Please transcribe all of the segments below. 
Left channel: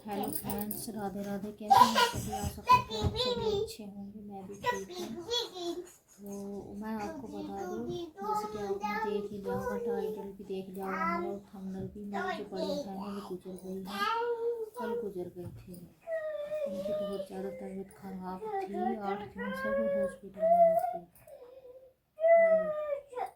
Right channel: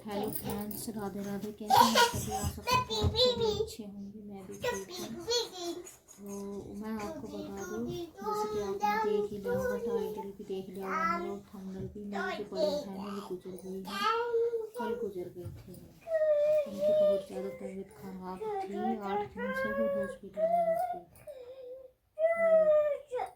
Hello friends, Radhe Radhe. कैसे हैं सभी? आशा करती हूँ आप सभी अच्छे होंगे। मैं भी ठीक हूँ। तो मैं आपको बता दूँ, जैसे कि आपने देख ही लिया होगा, टाइटल भी देख लिया होगा मेरा, और थंबनेल भी। मेरी जो बड़ी बहन है वो गुजर गई है, कल गुजर गई थी। उनकी बहुत ज़्यादा तबीयत खराब थी, 8 दिन से वो हॉस्पिटल में थी।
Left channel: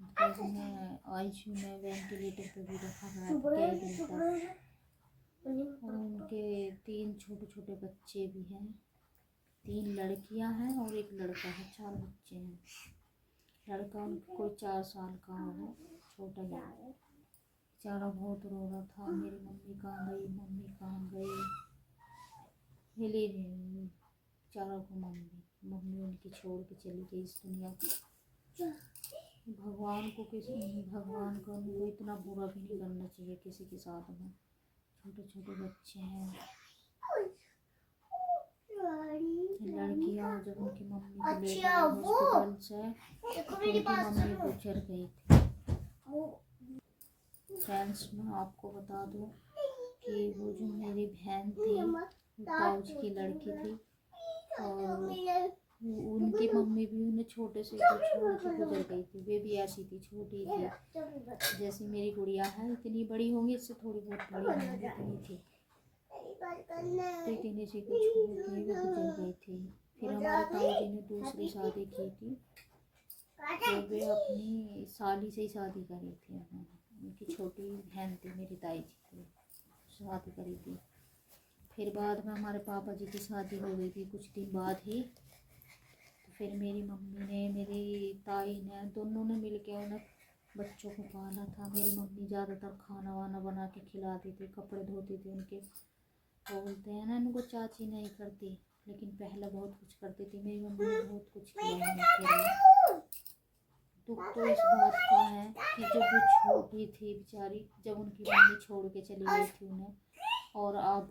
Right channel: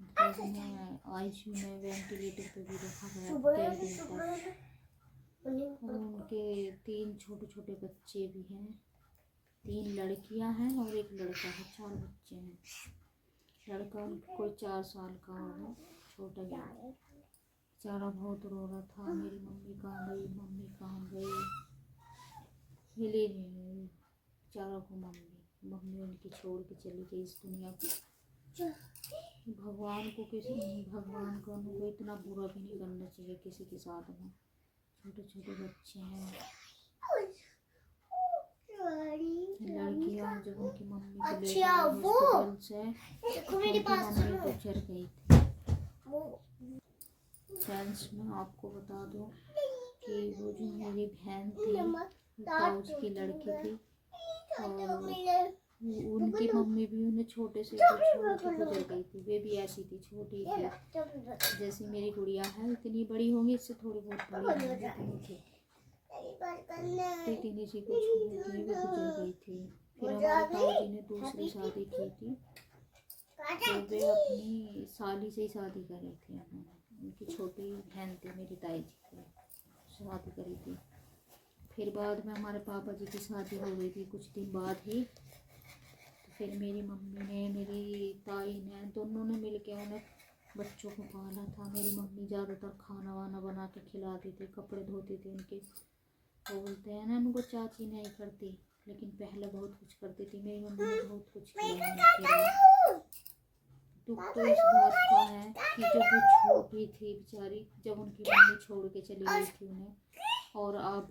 मतलब उन्हें आईसीयू में वेंटिलेटर पे भी रखा गया था कई दिन तक। और उनके 3 छोटे छोटे बच्चे भी हैं, 3 लड़कियां हैं और 1 लड़का है। 4 बच्चे हैं। लड़का उनका कोई 4 साल का होगा, छोटा ही है। बेचारा बहुत रो रहा था, मेरी मम्मी कहाँ गई, मम्मी कहाँ गई। मिली नहीं बेचारा को मम्मी। मम्मी उनकी छोड़ के चली गई इस दुनिया को। भगवान को उनको इतना बुरा भी नहीं करना चाहिए किसी के साथ में। छोटे छोटे बच्चे हैं। लड़कियां जब उनकी मम्मी को ले गई हॉस्पिटल से, उनकी मम्मी गुजर गई थी। फ्रेंड्स, मैं आपको बता दूं कि वो जो मेरी बहन थी, ताऊ जी की लड़की थी, और उनकी मम्मी भी उन्हें छोटे से को छोड़ के गुजर गई थी। वे भी ऐसी थी, छोटी थी, जैसी मेरी गुड़िया है। इतनी बड़ी होंगी, इससे थोड़ी बहुत बड़ी होंगी, इतनी थी। इतनी सी को छोड़ के वे गुजर गई थी। फिर हमारे ताऊ जी ने दूसरी शादी की थी, तो वे अपनी साली से ही शादी करी थी। उन्होंने उनकी छोटी बहन थी, मेरी ताई जी की शादी करी थी। फिर बाद में हमारे पापा जी की शादी हो गई थी कुछ दिन बाद ही। तो फिर मेरी मम्मी ने, मेरी ताई ने, दोनों ने मिलके उन्हें बच्चों को पाला था। मेरी मम्मी ज़्यादातर खाना वाना बना के खिलाती थी, कपड़े धोती थी उनके। बोलते हैं ना, उनको चाची नहीं करती, लेकिन पहले बहुत कुछ करती थी। मेरी मम्मी ने बहुत कुछ किया उनके लिए। दुख तो इस बात का है कि जब वो छोटी थी बेचारी, जब उनकी मम्मी छोड़ के चली गई थी उन्हें, और अब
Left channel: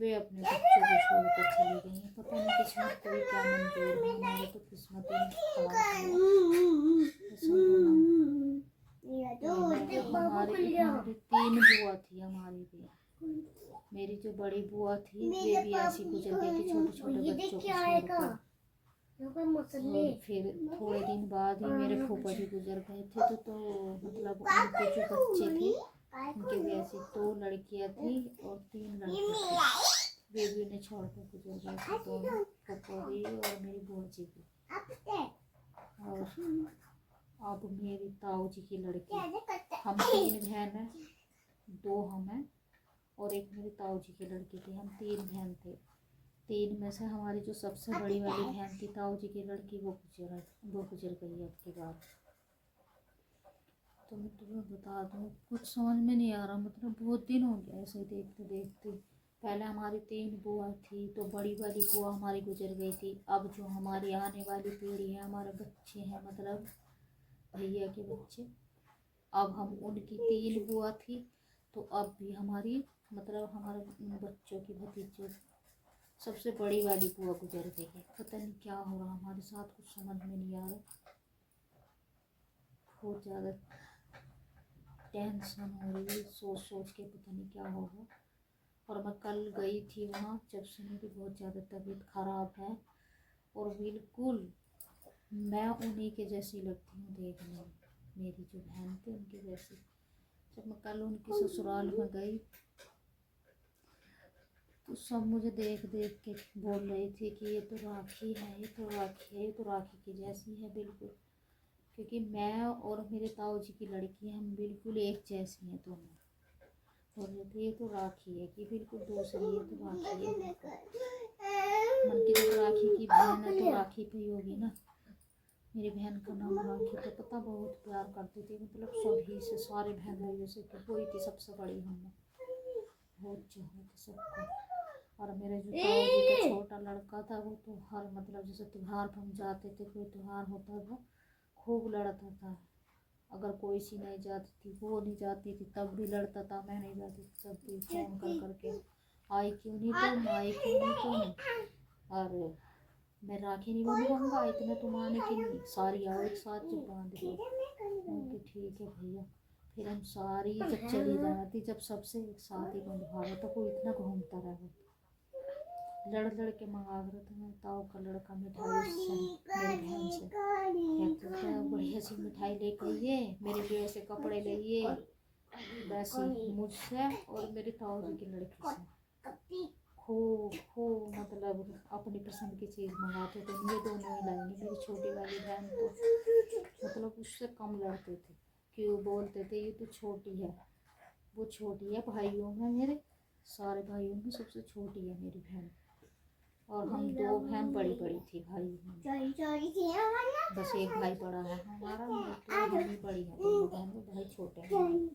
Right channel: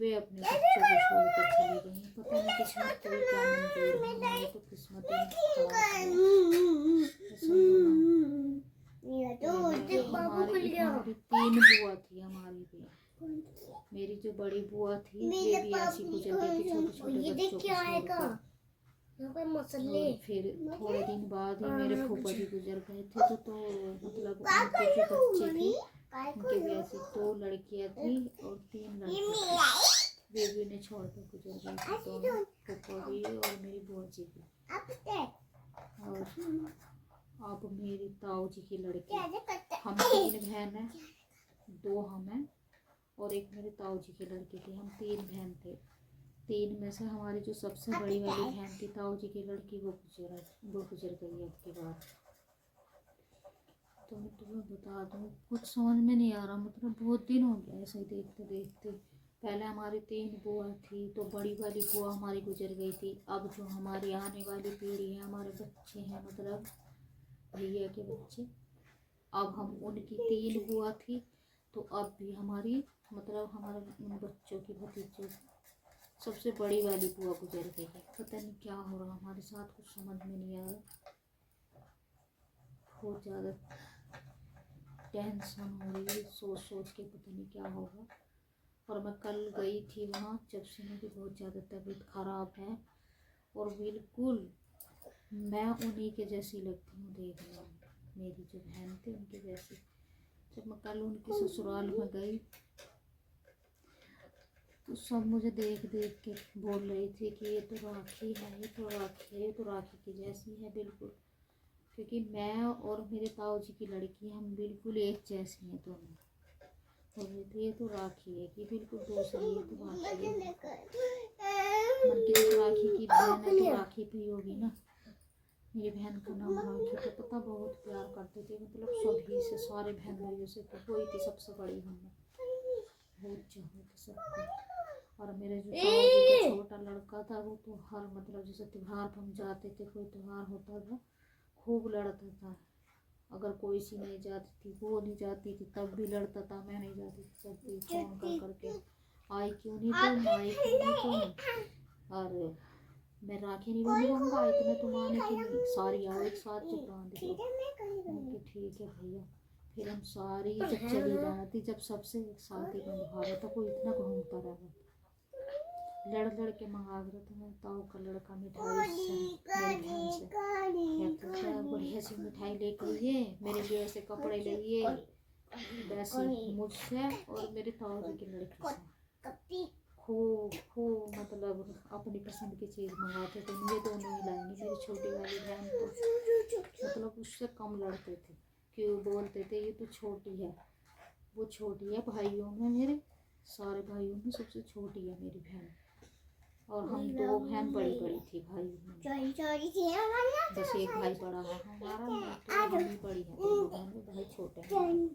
वे अपने बच्चों को छोड़कर चली गई। पता नहीं किस्मत को भी क्या मंजूर है। हमारी तो किस्मत ही खराब है। हमारी 3 बुआ थी हमारी भी। मेरी जो बड़ी बुआ थी, ये भी ऐसी गुजर गई थी छोटे छोटे बच्चों को छोड़कर। और फिर थोड़े दिन बाद ही मेरे फूफा जी गुजर गए थे। तो मतलब उनके जो बच्चे थे, उनके भी ऐसी 2 लड़कियां थी और 3 लड़के थे। वे भी उन्हें छोड़ कर गुजर गए थे, दोनों, फूफा भी और मेरी बुआ जी भी। और अब मेरी ताऊ जी की लड़की, हम 3 बहन हैं, 2 हम हैं और 1 मेरी ताऊ जी की लड़की थी। हम 3 बहन थे। 3 में से हमारी जो सबसे बड़ी वाली बहन थी, ताऊ जी की लड़की, वो गुजर गई अब की बार। तो मैं तुम्हें बता दूँ, कुछ समझ में नहीं आ रहा। मतलब बहुत दिन हो गया ऐसे ही देखते देखते। पहले हमारी 3 बुआ थी, तो बड़ी वाली बुआ हमारी गुजर गई थी। अब जो हमारी आने वाली पीढ़ी है, हमारे बच्चे हैं, मतलब भैया के बच्चे, अब हम उनकी 3 बुआ थी, तो अब भी हमारी, मतलब हमारे उन बच्चों की भतीजों, सबसे बड़ी वाली बुआ गुजर गई है। पता नहीं क्या हो रहा हमारे साथ, कुछ समझ में नहीं आ रहा। बहुत ज़्यादा टेंशन हो रही है सोच सोच के, पता नहीं क्या होगा। और मैं कल गई थी वहाँ, जब से मेरी बहुत ज़्यादा तबीयत ख़राब है, और बिल्कुल मैं उन्हीं के जैसी लगती हूँ देखने में। मेरी जो बहन थी उनके जैसी। जब मैं कल उनकी ससुराल में गई, तो सब मुझे देख देख के बोल रही थी कि ये तो राखी है, ये तो राखी है, ये तो राखी की जैसी है बिल्कुल। क्योंकि मैं और मेरे ताऊ जी की लड़की, हम बिल्कुल एक जैसी हैं दोनों। बोल रहे थे ये तो राखी है, कि बिल्कुल दूसरी, ये तो राखी है। मन की जब राखी की बहन है तो राखी पे ही होगी ना। मेरी बहन का नाम राखी था। पता बहुत प्यार करती थी, मतलब सभी से, सारे बहन भाइयों से। तो वही थी सबसे बड़ी हमने, बहुत चाहती थी सबको। और मेरे जो ताऊ जी का छोटा लड़का था, वो तो हर, मतलब जैसे त्योहार पर हम जाते थे, कोई त्योहार होता था, खूब लड़ता था। अगर कोई सी नहीं जाती थी, वो नहीं जाती थी, तब भी लड़ता था। मैं नहीं जाती थी, तब भी फ़ोन कर करके, आई क्यों नहीं तुम, आई क्यों नहीं तुम। और मैं राखी नहीं बंधवाऊँगा, इतने तुम आने की नहीं, सारी आओ एक साथ जब बांध दो। ठीक है भैया। फिर हम सारी जब चली जाना थी, जब सबसे एक साथ ही बंधवाया था, कोई इतना घूमता रहा, लड़ लड़ के मंगा रहा था। मैं ताऊ का लड़का मिठाई उससे मेरी बहन से कहता था बढ़िया सी मिठाई लेके आइए, मेरे लिए ऐसे कपड़े लाइए, वैसे मुझसे और मेरे ताऊ जी की लड़की से खूब मतलब अपनी पसंद की चीज़ मंगाते थे। ये दोनों ही लाएंगे। मेरी छोटी वाली बहन तो मतलब उससे कम लड़ते थे, क्यों बोलते थे ये तो छोटी है, वो छोटी है भाइयों में, मेरे सारे भाइयों में सबसे छोटी है मेरी बहन, और हम दो बहन बड़ी बड़ी थी भाइयों में, बस एक भाई बड़ा है हमारा, मैं तो मम्मी बड़ी है, दोनों बहन में भाई छोटे हैं।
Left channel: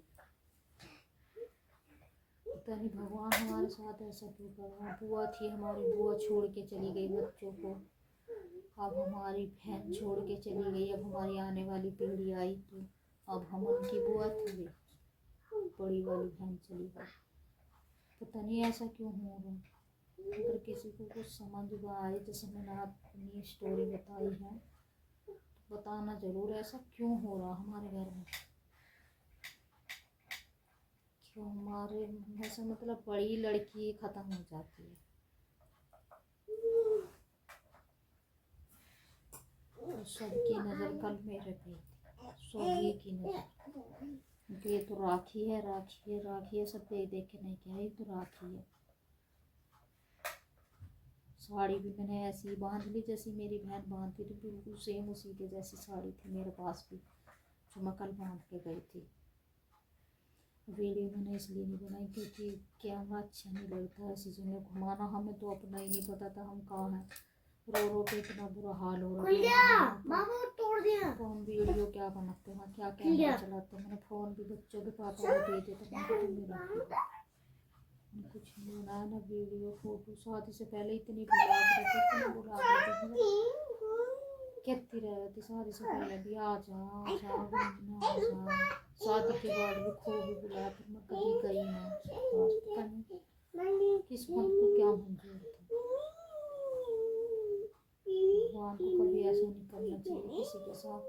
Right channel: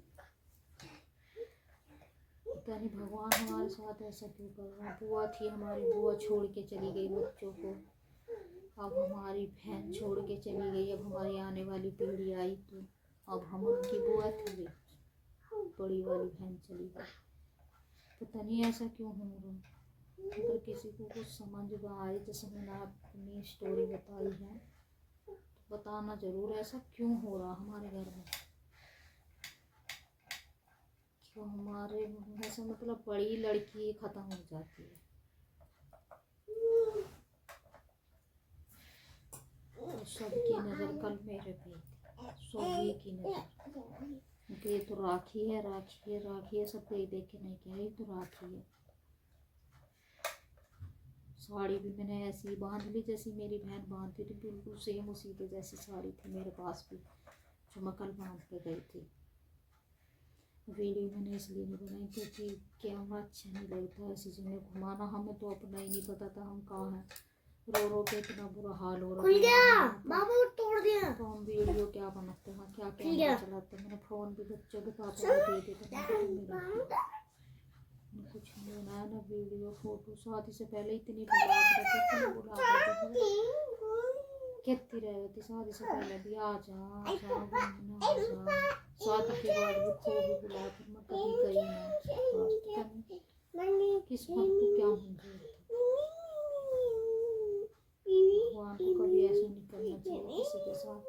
पता नहीं भगवान हमारे साथ ऐसा क्यों कर रहा है। बुआ थी हमारी, बुआ छोड़ के चली गई बच्चों को, अब हमारी बहन छोड़ के चली गई, अब हमारी आने वाली पीढ़ी आई तो अब हम उनकी बुआ थी, बड़ी वाली बहन चली गई। पता नहीं ऐसा क्यों हो रहा है। अगर किसी को कुछ समझ में आए, जैसे मैंने अपनी स्टोरी बताई है, तो बताना ज़रूर ऐसा क्यों हो रहा हमारे घर में, क्यों हमारे ऐसा मतलब बड़ी लड़की ख़त्म हो जाती है। तो सबकी नज़र कल मेरे पे थी, सभी की नज़र, ये तो राखी है, राखी है, राखी है, सब देख देख के नहीं क्या ये तो राखी है। साड़ी भी मैंने ऐसी बांध ली जैसी मेरी बहन बांधती थी, बिल्कुल सेम उसी के जैसी साड़ी थी मेरे पास भी, जो मैं कल बांध के गई थी। वीडियो मैंने इसलिए नहीं बनाई क्योंकि कैमरा अच्छा नहीं लगता ऐसी जगह घुमाना, हमें तो अपना ही नहीं पता था हम कहाँ हैं, रो रो के इतना बुरा हाल हो रहा था, तो हम वीडियो क्या बनाते हैं, क्या कैमरा चलाते हैं। मैंने फ़ोन भी बच्चों के पापा को दे दिया था, मेरा कुछ नहीं बनाया ना वीडियो फोटो। शादी से पहले इतनी बुला कहती रहती थी, शादी से पहले भी आ जा घूमना आ जा, शादी के बाद भी खूब भी बुलाया, फिर मैं कभी गई ना। पता नहीं किस्मत को क्या मंजूर था, भगवान को कभी ऐसा नहीं करना चाहिए किसी के साथ।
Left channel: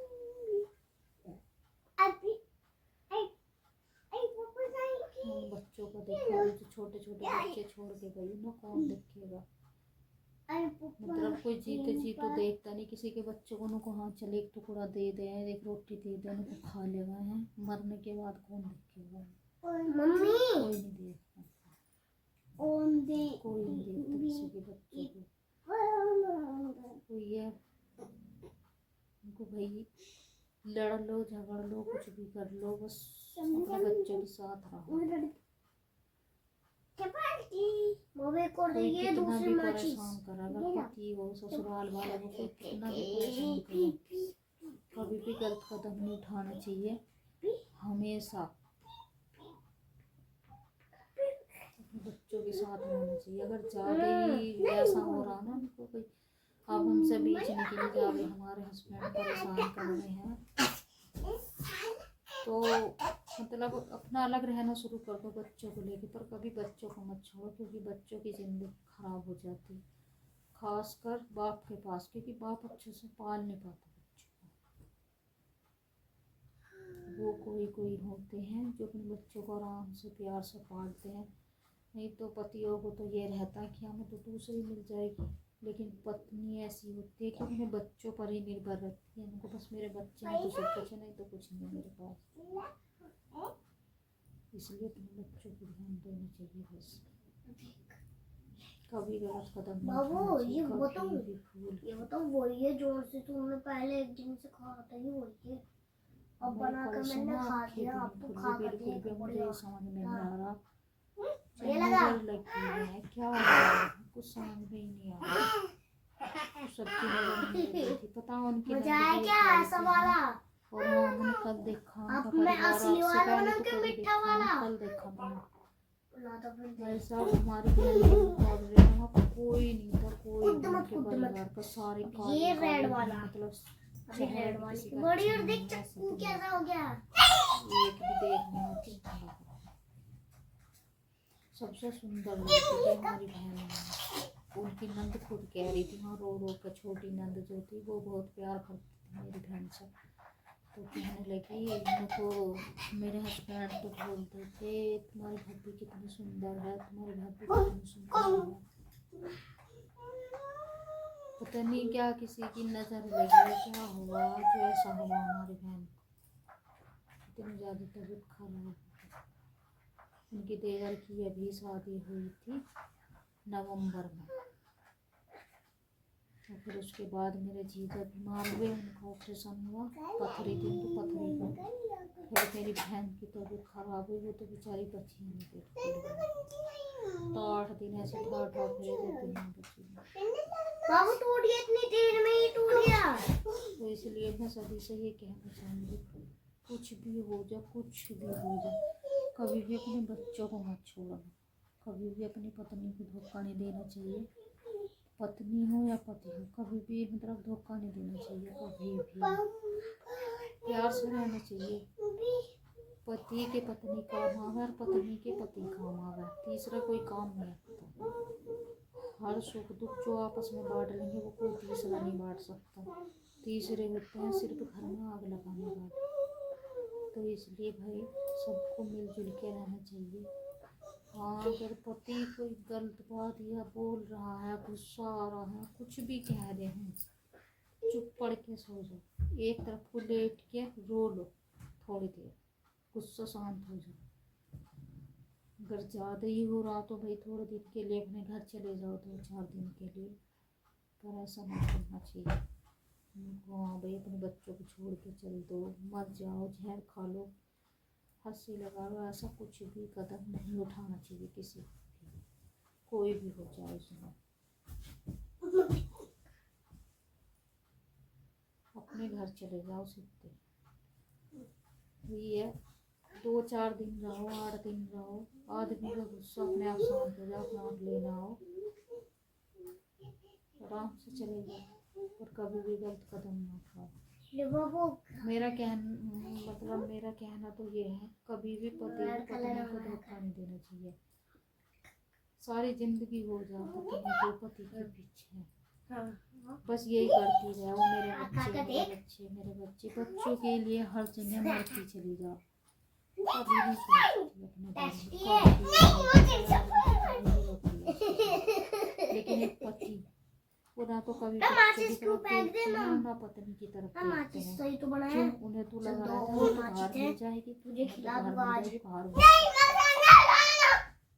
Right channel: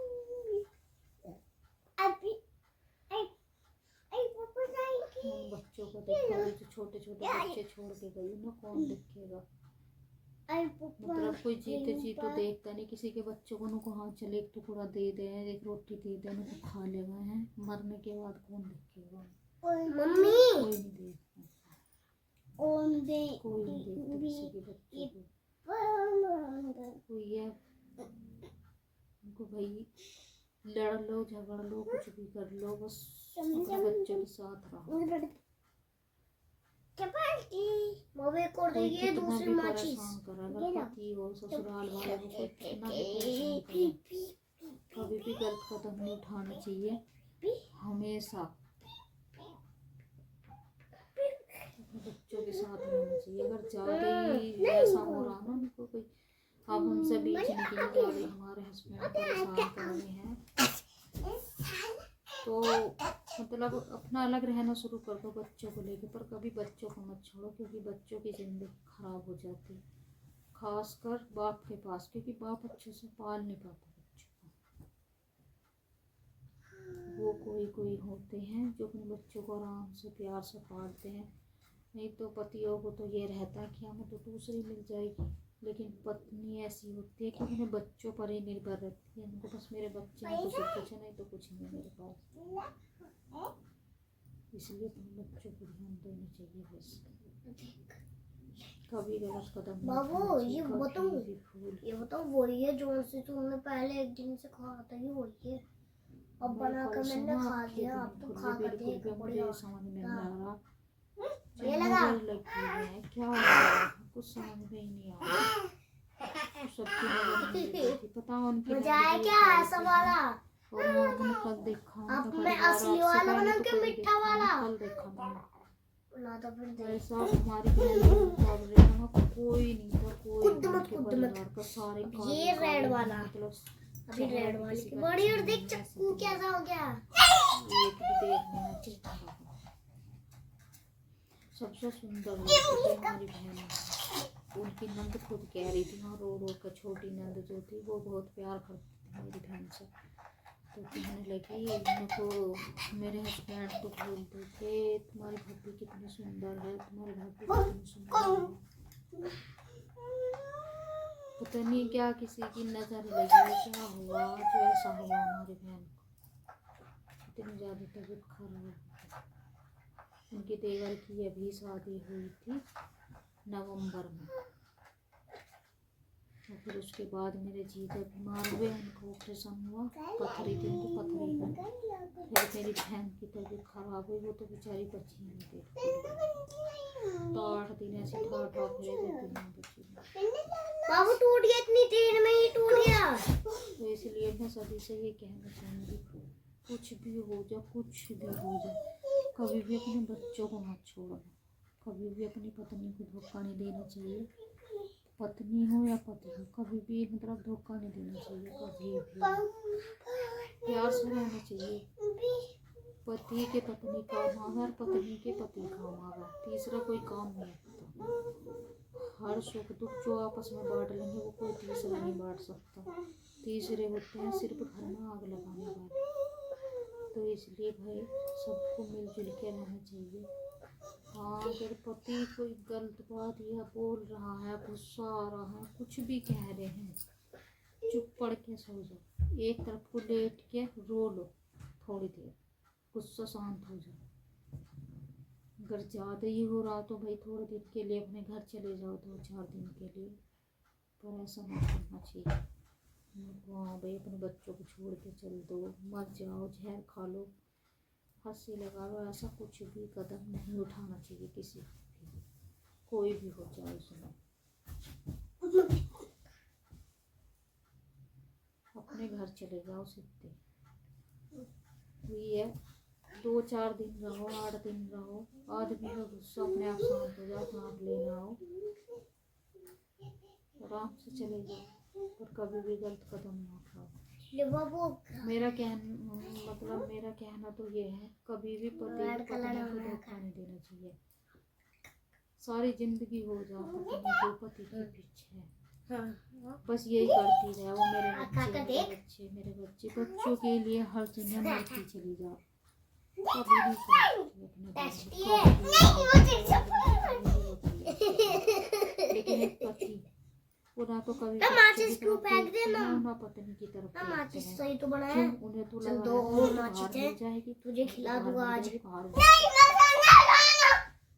उन बच्चों को देखो, जो छोटे छोटे बच्चे छोड़ के गई ना, कौन देखेगा। मतलब कोई जीते जी तो देखता नहीं, किसी के बच्चों को उनको हाथ चले एक टुकड़ा दे दे, एक रोटी दे दे, उनको खा लेगा है, मरने के बाद कौन देखेगा, मम्मी कोई नहीं देखता, कोई नहीं देखता किसी के बच्चों को। कोई है उनको भाई लड़ लो झगड़ लो कुछ भी कर लो, बस अपने बच्चों के साथ रहो। कोई कितना भी परेशान करे, अगर पति हो ससुराल वाले हो, कोई कितना भी परेशान करे, कभी भी गलत कदम नहीं उठाना चाहिए। हमेशा अपने बच्चों के साथ रहना चाहिए। अगर ज़्यादा ही ऐसा हो रहा ना उनको कोई, अब हमसे बीच निकली जा रही, हमारे हस्बैंड परेशान कर रहे हैं, तो मतलब अपना अलग रहना शुरू कर दो बच्चों को लेके, पर कभी बच्चों को मत छोड़ो, क्योंकि बच्चों की ज़िंदगी ख़राब हो जाती है, खासकर बाप के पास, क्योंकि बाप अच्छे से पाल नहीं पाता बच्चों को। वो कोई होते हैं जो अपने बच्चों को आराम से प्यार से पालते हैं, नहीं तो पतियों को तो ये रहता है कि हमें तो दूसरी मिल जाएगी, लेकिन पत्नी ऐसी होती है कि अपने बच्चों पर ही निर्भर रहती है, उनको बस मेरे बच्चे हैं तो सब कुछ है, नहीं तो कुछ नहीं मेरे पास। इसलिए अपने बच्चों को ध्यान देना चाहिए बस, कभी गलत कदम नहीं उठाना चाहिए, कभी भी भूल। ये बताओ वही है जो से तुमने पहले एक दिन से खाया था, ये वही है, अब बना कर मैंने खा लिया, अब तो खा कर बिल्कुल भी मुझे समझ में नहीं आ रहा, ये लगा लगी है क्या हो रहा है, कुछ समझ में ही नहीं आ रहा। सबकी नजर मेरे पे थी, पता उनकी नजर क्या ऐसा वाला, और हाँ मैंने कल देखा उनका परिवार, असली वाला पहले तो कभी कभी मीठा देखा वाला, कल देखा मैंने। भाई साहब हमारी बहन के मुकाबले वहाँ कोई नहीं था, कोई उनके परिवार का, सारे ये रेड वाला, मतलब अभी रेड वाली बड़ी, और देख चक्कू कैसा हो गया, एक भी देखने आती था। सबसे सुंदर लड़की थी हमारी बहन, उनकी नंद खुद कह रही थी, हाँ रो रो कर, छोटी नंद जो थी वो बहुत प्यार करती थी मेरी बहन से, तो कहने लगी उनको, मेरे हस्बैंड तो बोलते थे तुम्हारी भाभी कितनी सुंदर है, तुम्हारी भाभी कितनी सुंदर है। पता नहीं क्या किसी की नज़र लगी, क्या हुआ जो ऐसा हुआ हमारी बहन को, इतनी ज़्यादा तबीयत खराब हो गई। उनकी देवर की अभी शादी हुई थी नवंबर में, और फिर उसके बाद मेरे जीजा बीमार हुए, उनका ऑपरेशन हुआ, पथरी थी उनकी, पथरी में फिर मेरी बहन की तबीयत खराब हुई, वो तो बेचारी बची नहीं थी। तो 8 दिन ऐसे ठा फिरे थे, बिना बची बाबू टूट गया, इतनी देर में ही टूट गया। तो इसलिए मैं सभी से ये कहना चाहूँगी, कुछ भी हो जाए, कुछ भी हो जाए, कभी भी अपने बच्चों को मत छोड़ना, कभी भी अपनी पत्नी को धोखा नहीं देना चाहिए, पत्नी हो या पति हो, कभी भी मतलब धोखा नहीं देना चाहिए, कभी भी प्यार से रहना चाहिए। पति के पत्नी काम आवे और पत्नी के पति काम आवे, तीसरा कोई काम नहीं आता। हर सुख दुख जो आपस में बांट लेंगे वो कोई तीसरा नहीं बांट सकता, तीसरे होते हैं सिर्फ घर में आग लगाने वाले। तो इसलिए भाई सबको मिलजुल के रहना चाहिए। हाँ, अगर पति कोई गलत बात या बोल रहा है, गुस्सा आ रहा है, कुछ भी कह रहे हैं, चुप पड़ के सो जाओ, एक तरफ को लेट के रो लो थोड़ी देर, गुस्सा शांत हो जाए। अगर ज़्यादा ही हो रहा तो भाई थोड़े दिन के लिए अपने घर चले जाओ, 2-4 दिन के लिए, पर ऐसा नहीं करना चाहिए। हाँ भाई, अपने बच्चों को छोड़ के चल दो, मर जाओ, जहर खा लो, हंसी लगा लो, ऐसा कुछ भी कदम नहीं उठाना चाहिए किसी भी, कोई भी हो जाए उसमें। अपने घर चले जाओ सीधे, ये 2-4 दिन रहो, 8 दिन रहो, आदमी का गुस्सा अपने आप शांत हो जाओ, अपना आप लेना आओ, आराम से चले जाओ, और कभी भी गलत कदम ना उठाओ। मेरा कहना तो ये है, कभी भी पति पत्नी को धोखा नहीं देना चाहिए। सारी जिंदगी हो जाओ पत्नी को पति के पीछे, बस यही करती रहे, वो मेरे बच्चे बच्चों के लिए हर जगह मरती चली जाओ, कभी भी अपने लेकिन एक पति वो ना तो कभी बच्चों की तरफ देखते हैं, ना पत्नी की तरफ देखते हैं। क्यों? उन्हें तो लगा रहता है बाहर मिल जाएगी, तुझे खिला दूंगा आज,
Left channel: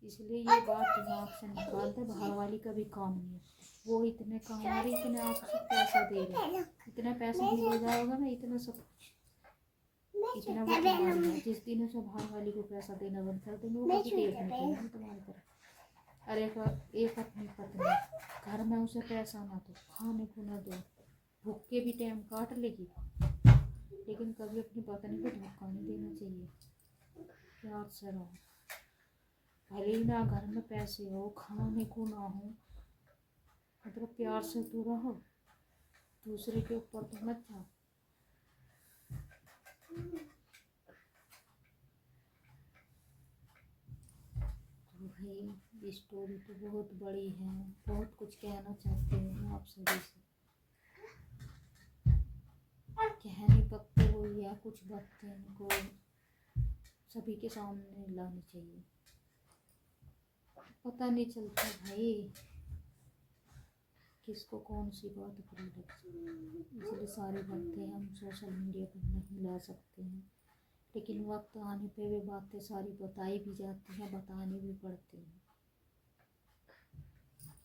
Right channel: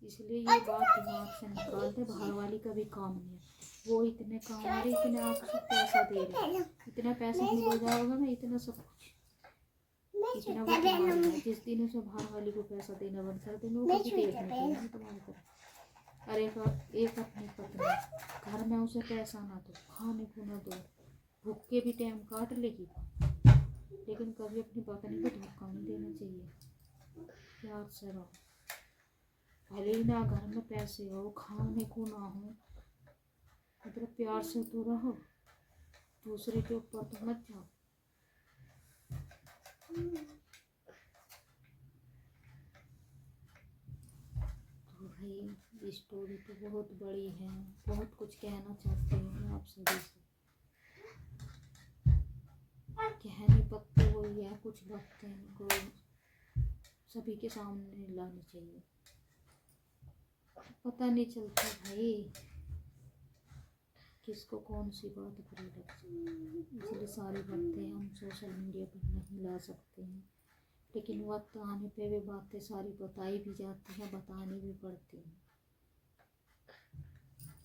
इसलिए ये बात दिमाग से निकाल दे, बाहर वाली का भी काम नहीं है, वो इतने काम आ रही, इतने आपको पैसा दे रहे, इतना पैसा मिल जाएगा ना, इतना सब कुछ, इतना वो तुम्हारा है। जिस दिन उसे बाहर वाली को पैसा देना बंद कर देंगे, वो कभी देखने के लिए तुम्हारी तरफ। अरे एक अपनी पत्नी घर में उसे पैसा ना दो, खाने को ना दो, भूख के भी टाइम काट लेगी, लेकिन कभी अपनी पत्नी को धोखा नहीं देना चाहिए। प्यार से रहो, भले ही ना घर में पैसे हो, खाने को ना हो, मतलब प्यार से तो रहो, दूसरे के ऊपर तो मत जाओ। तो भाई स्टोरी तो बहुत बड़ी है, बहुत कुछ कहना चाहती हूँ मैं आप सभी से, कहने पत्ते वही है, कुछ बातें इनको सभी के सामने लानी चाहिए, पता नहीं चलता भाई किसको कौन सी बात बुरी लगती, इसलिए सारी बातें हम सोशल मीडिया पर नहीं ला सकते हैं, लेकिन वक्त आने पे वे बातें सारी बताई भी जाती हैं, बतानी भी पड़ती हैं।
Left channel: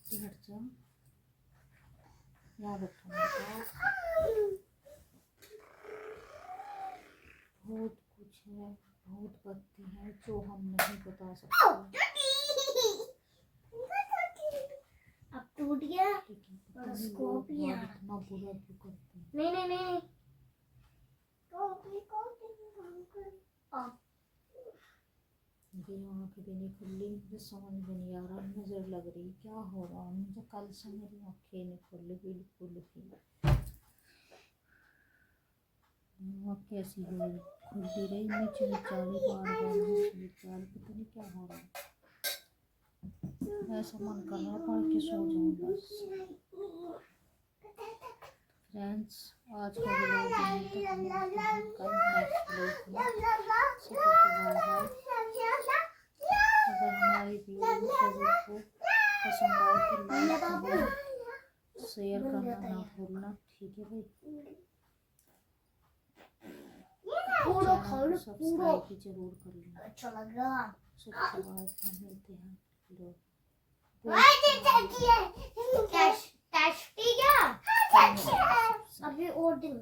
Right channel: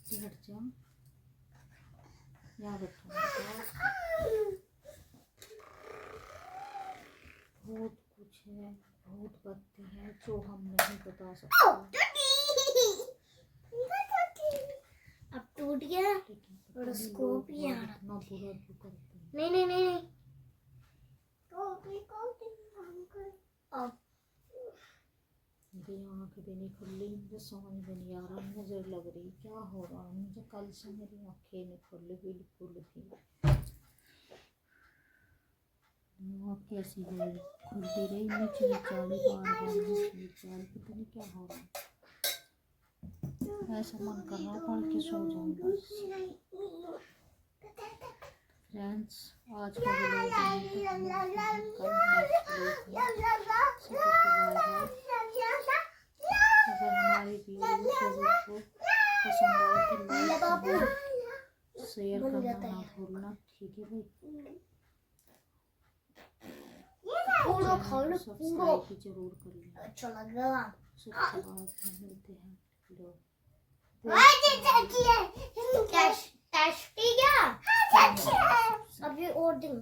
हट जाओ, याद रखो मेरे पास बहुत कुछ है, बहुत बातें हैं जो हम नहीं बता सकते। अब टूट गया, लेकिन पता नहीं लोग इतना बुरा क्यों करते हैं। नहीं मेरी आँखें भी नहीं खुली, मुझे समझ में नहीं आ रहा, नजर लग रही, क्या हो रहा है मुझे, कल से मेरी आँखें नहीं खुली बिल्कुल भी, कैसी हो रही, खुलती रही, नीचे चाली बार नीचे, पता नहीं क्या हो रहा है, ऐसा मन कर रहा पढ़ के सो जाऊँ बस। फ्रेंड्स, आज का व्लॉग यहीं तक मिलते हैं कल नेक्स्ट व्लॉग में। सभी को बाय बाय। अगर हमारी वीडियो सभी को पसंद आए तो लाइक करना, शेयर करना ना भूलना, ठीक है भाई। पूरा खाओ ना, पूरा। सब्सक्राइब भी जरूर कर लेना। अच्छा लगा। सबसे बाद में मिलते हैं लोग। टेस्ट टेस्ट क्या? अभी और दिन